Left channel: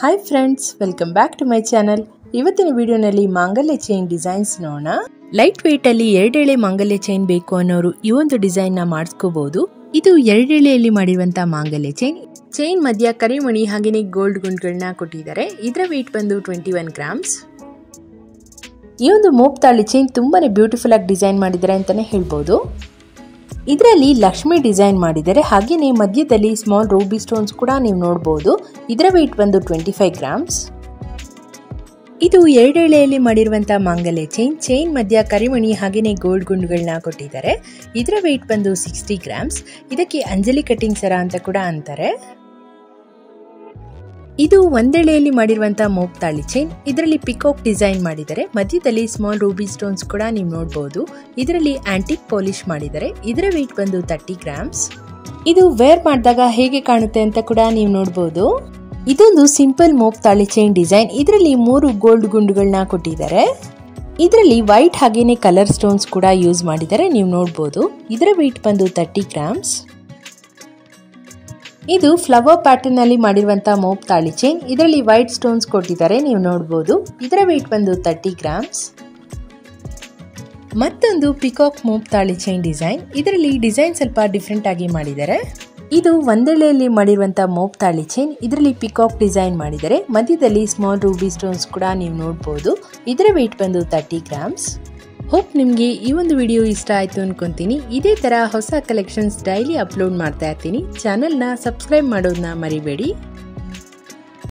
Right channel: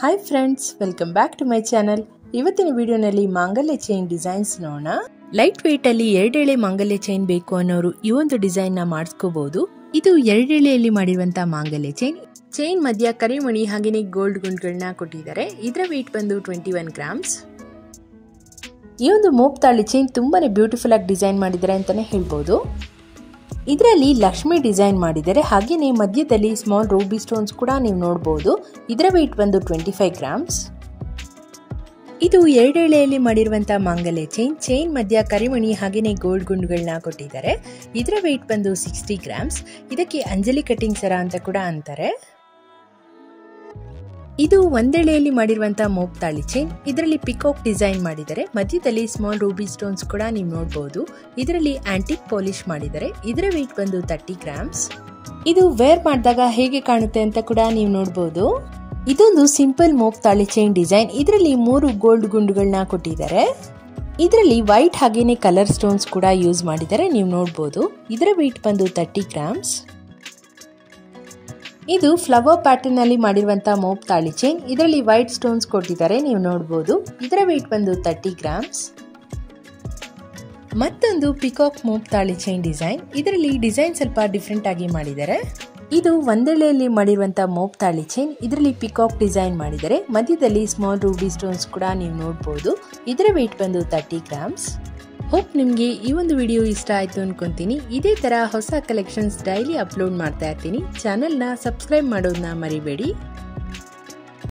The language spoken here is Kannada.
Hi friends, welcome back to my channel. ಇವತ್ತಿನ ವಿಡಿಯೋನಲ್ಲಿ ಮಾಂಗಲ್ಯ ಚೈನ್ ಡಿಸೈನ್ಸ್ ನೋಡೋಣ. ಲೈಟ್ ವೆಯ್ಟ್ ಅಲ್ಲಿ 2 ಎಳೆ ಮಾಂಗಲ್ಯ ಚೈನ್ ಬೇಕು ಅನ್ನೋರು ಈ ಒಂದು ಡಿಸೈನ್ ನ ಮಾಡಿಸ್ಕೋಬಹುದು. ಇದು 2 ಎಳೆಯಲ್ಲಿ ಮಾಡಿರುವಂತಹ ಮಾಂಗಲ್ಯ ಚೈನ್ ಮಧ್ಯ ಕರಿಮಣಿ ಹಾಗೇನೆ ಗೋಲ್ಡ್ ಗುಂಡ್ಗಳನ್ನ ಕೊಟ್ಟಿದ್ದಾರೆ. ಇದರ ವೆಯ್ಟ್ ಬಂದು 21 ಗ್ರಾಮ್ಸ್. ಈ ಒಂದು ಮೋಪ್ ತಾಳಿ ಚೈನ್ ತುಂಬಾನೇ ಬ್ಯೂಟಿಫುಲ್ ಆಗಿ ಡಿಸೈನ್ ಮಾಡಿದ್ದಾರೆ ಅಂತಾನೆ ಹೇಳ್ಬೋದು. ಇದರಲ್ಲಿ ಲಕ್ಷ್ಮಿ ಡಿಸೈನ್ ಮಾಡಿದ್ದಾರೆ, ಹಾಗೇನೆ ಮಧ್ಯದಲ್ಲಿ ಸ್ಮಾಲ್ ರೂಬಿ ಸ್ಟೋನ್ಸ್ ಕೂಡ ನೀವು ನೋಡಬಹುದು. ಇದರ ವೆಯ್ಟ್ ಬಂದು 25 ಗ್ರಾಮ್ಸ್. ಇದು 2 ಎಳೆಯಲ್ಲಿ ಮಾಡಿರುವಂತಹ ಮಾಂಗಲ್ಯ ಚೈನ್ ಮಧ್ಯ ಕರಿಮಣಿ ಹಾಗೇನೆ ಗೋಲ್ಡ್ ಗುಂಡುಗಳನ್ನ ಕೊಟ್ಟಿದ್ದಾರೆ. ಇದರ ವೆಯ್ಟ್ ಬಂದು 60 ಗ್ರಾಮ್ಸ್. ಇದಕ್ಕೆ ಅಂಜಲಿ ಕಟಿಂಗ್ ಸರ ಅಂತ ಕೂಡ ಅಂತಾರೆ. ಇದು 1 ಎಳೆಯಲ್ಲಿ ಮಾಡಿರುವಂತಹ ಮೋಪ್ ತಾಳಿ ಚೈನ್. ಇದರಲ್ಲಿ ಪಿಕಾಕ್ ಡಿಸೈನ್ ಮಾಡಿದ್ದಾರೆ, ಮಧ್ಯದಲ್ಲಿ ಸ್ಮಾಲ್ ರೂಬಿ ಸ್ಟೋನ್ಸ್ ಕೂಡ ನೀವು ನೋಡಬಹುದು. ಇದರಲ್ಲಿ ಆಂಟಿಕ್ ಪಾಲಿಶ್ ಮಾಡಿದ್ದಾರೆ. ಇದರ ವೆಯ್ಟ್ ಬಂದು 30 ಗ್ರಾಮ್ಸ್. ಇದು ವೇರ್ ಮಾಡಿದಾಗ ಹೇಗೆ ಕಾಣುತ್ತೆ ಅಂತ ಕೂಡ ನೀವು ನೋಡಬಹುದು. ಇದೊಂದು ಸಿಂಪಲ್ ಮೋಪ್ ತಾಳಿ ಚೈನ್ ಡಿಸೈನ್. ಇದರಲ್ಲಿ 3 ಗೋಲ್ಡ್ ಗುಂಡುಗಳನ್ನ ಕೊಟ್ಟಿದ್ದಾರೆ. ಇದರಲ್ಲಿ ವೈಟ್ ಹಾಗೇನೆ ಕಲರ್ ಸ್ಟೋನ್ಸ್ ಕೂಡ ಯೂಸ್ ಮಾಡಿದ್ದಾರೆ, ನೀವು ನೋಡಬಹುದು. ಇದರ ವೆಯ್ಟ್ ಬಂದು 30 ಗ್ರಾಮ್ಸ್. ಇದು ಫ್ಲವರ್ ಪ್ಯಾಟರ್ನ್ ಅಲ್ಲಿ ಮಾಡಿರುವಂತಹ ಮೋಪ್ ತಾಳಿ ಚೈನ್. ಇದರಲ್ಲಿ ವೈಟ್ ಸ್ಟೋನ್ಸ್ ಕೊಟ್ಟಿದ್ದಾರೆ, ನೀವು ನೋಡಬಹುದು. ಇದರ ವೆಯ್ಟ್ ಬಂದು 30 ಗ್ರಾಮ್ಸ್. ಮತ್ತೊಂದು ಪಿಕಾಕ್ ಮೋಪ್ ತಾಳಿ ಚೈನ್ ಡಿಸೈನ್. ಇದರಲ್ಲಿ ಡಿಸೈನ್ ಸ್ವಲ್ಪ ಡಿಫ್ರೆಂಟ್ ಆಗಿ ಮಾಡಿದ್ದಾರೆ. ಇದು 1 ಎಳೆಯಲ್ಲಿ ಮಾಡಿರುವಂತಹ ಮೋಪ್ ತಾಳಿ ಚೈನ್. ಇದರಲ್ಲಿ ಪಿಕಾಕ್ ಡಿಸೈನ್ ಮಾಡಿದ್ದಾರೆ, ಮಧ್ಯದಲ್ಲಿ ಸ್ಮಾಲ್ ರೂಬಿ ಸ್ಟೋನ್ಸ್ ಕೂಡ ನೀವು ನೋಡಬಹುದು. ಇದರ ವೆಯ್ಟ್ ಬಂದು 30 ಗ್ರಾಮ್ಸ್. ಹೋಪ್ ನಿಮಗೆ ಈ ಒಂದು ವಿಡಿಯೋ ಇಷ್ಟ ಆಯ್ತು ಅನ್ಕೊಂತೀನಿ. ಇದೇ ತರ ಹೊಸ ಕಲೆಕ್ಷನ್ಸ್ ಡೈಲಿ ಅಪ್ಲೋಡ್ ಮಾಡ್ತಾ ಇರ್ತೀನಿ. ಚಾನೆಲ್ನ ಸಬ್ಸ್ಕ್ರೈಬ್ ಮಾಡೋದನ್ನ ಮರಿಬೇಡಿ.